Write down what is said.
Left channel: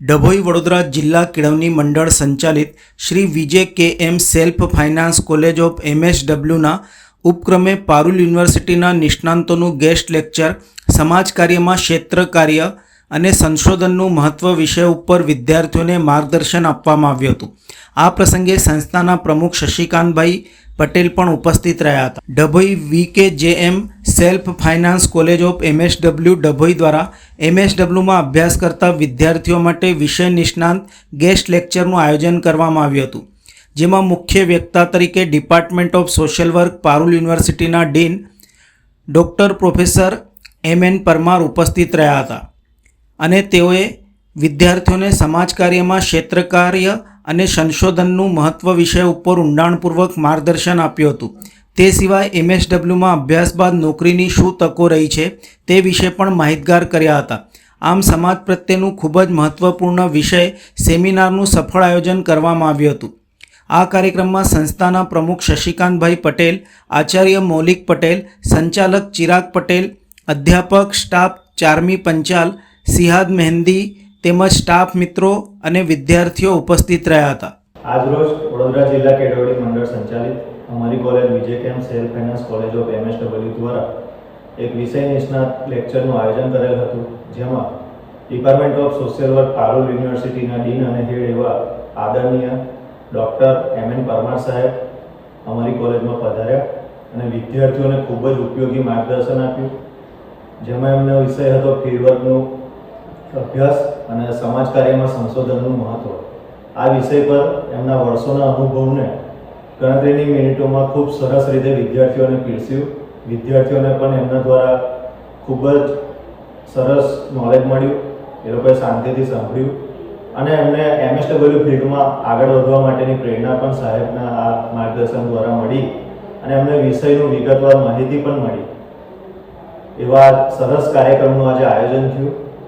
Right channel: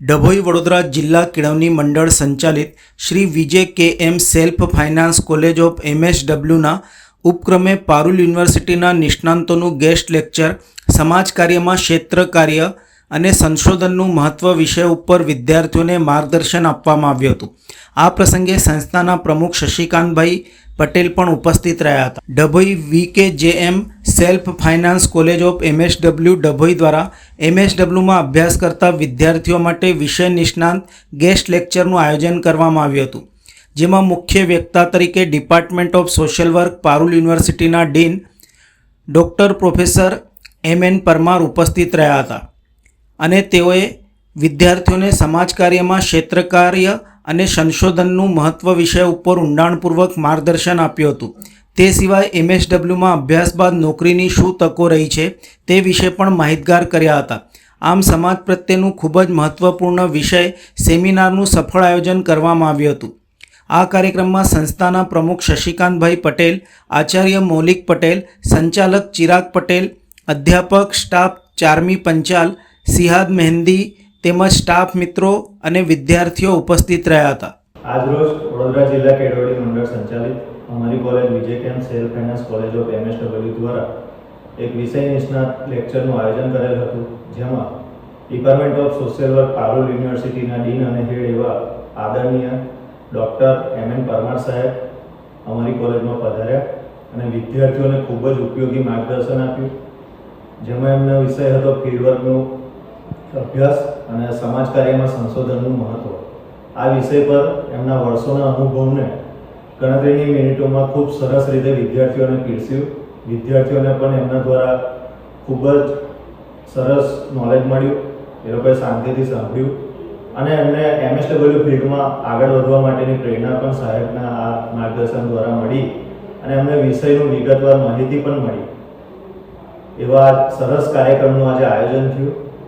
ડભોઈ વડોદરા જિલ્લા કેળવણી મંડળ સંચાલિત Shri Vijay K M self finance college of MSWના ઉપક્રમે પારુલ યુનિવર્સિટીના નિષ્ણાંતોનું ગેસ્ટ લેક્ચર સમાજ કાર્યમાં ક્ષેત્ર કાર્ય અને સંશોધનનું મહત્વ વિષય ઉપર વિદ્યાર્થીઓને માર્ગદર્શન આપવામાં આવ્યું હતું. આ પ્રસંગે સંસ્થાના પ્રમુખ શશિકાંતભાઈ પટેલ પણ ઉપસ્થિત રહ્યા હતા. Dabhoi VKJM self finance college of MSW Dabhoi દ્વારા MSWમાં અભ્યાસ કરતા વિદ્યાર્થીઓ માટે વિષય નિષ્ણાંત ગેસ્ટ લેક્ચરનું આયોજન કરવામાં આવ્યું હતું, જેમાં મુખ્ય વક્તા તરીકે department of social work Parul યુનિવર્સિટીના dean doctor professor M.N. Parmar ઉપસ્થિત રહ્યા હતા અને તેઓએ વિદ્યાર્થીઓને સમાજ કાર્યમાં ક્ષેત્ર કાર્ય અને સંશોધનનું મહત્વ વિષય ઉપર ઊંડાણપૂર્વક માર્ગદર્શન આપ્યું હતું. તે સિવાય MSWમાં અભ્યાસ બાદ નોકરીની શું તકો રહી છે તે વિશે પણ માહિતગાર કર્યા હતા. આમ સમાજ પ્રત્યેનું ખૂબ જ મહત્વપૂર્ણ વિષય સેમિનારનું સફળ આયોજન કરવામાં આવ્યું હતું. આ કાર્યક્રમમાં સંસ્થાના પ્રમુખ શશિકાંતભાઈ પટેલ, આચાર્ય મૌલિક પટેલ, સંચાલક ચિરાગ પટેલ, અધ્યાપક સ્ટાફ ચારમી પંચાલ, સિહાદ મહેંદી તેમજ સ્ટાફ મિત્રો અને વિદ્યાર્થીઓ ઉપસ્થિત રહ્યા હતા. આજરોજ વડોદરા જિલ્લા કેળવણી મંડળ સંચાલિત અમારી college Vijay K M self finance college of MSW દ્વારા એક વિષય નિષ્ણાત લેક્ચરનું આયોજન કરેલ હતું, જેમાં department of social work Parul યુનિવર્સિટીના ડીન અને હેડ એવા આદરણીય ડૉક્ટર M.N. પરમાર સાહેબ અમારી કોલેજમાં પધાર્યા અને વિદ્યાર્થીઓને ખૂબ જ ઉપયોગી માર્ગદર્શન આપ્યું, જેમાં એમનો વિષય હતો ફિલ્ડવર્કનું અભ્યાસ અને સમાજ કાર્યમાં સંશોધનનું મહત્વ. આ વિષય પર એમના વર્ષોના અનુભવને ગણતરીની મિનિટોમાં ખૂબ સરસ રીતે વિદ્યાર્થીઓને પીરસ્યું. વિદ્યાર્થીઓને પણ એમના દ્વારા ખૂબ જ સરસ નોલેજ મળ્યું, એ લોકોએ શાંતિથી સાંભળ્યું અને એમને MSW ફિલ્ડમાં આગળ વધવા માટેની પ્રેરણા પણ સાહેબના આ માર્ગદર્શન દ્વારા મળી અને એમને વિષયનું વિગતવાર માહિતી પણ મળી. એવા સરસ કાર્યક્રમનું આજે આયોજન થયું.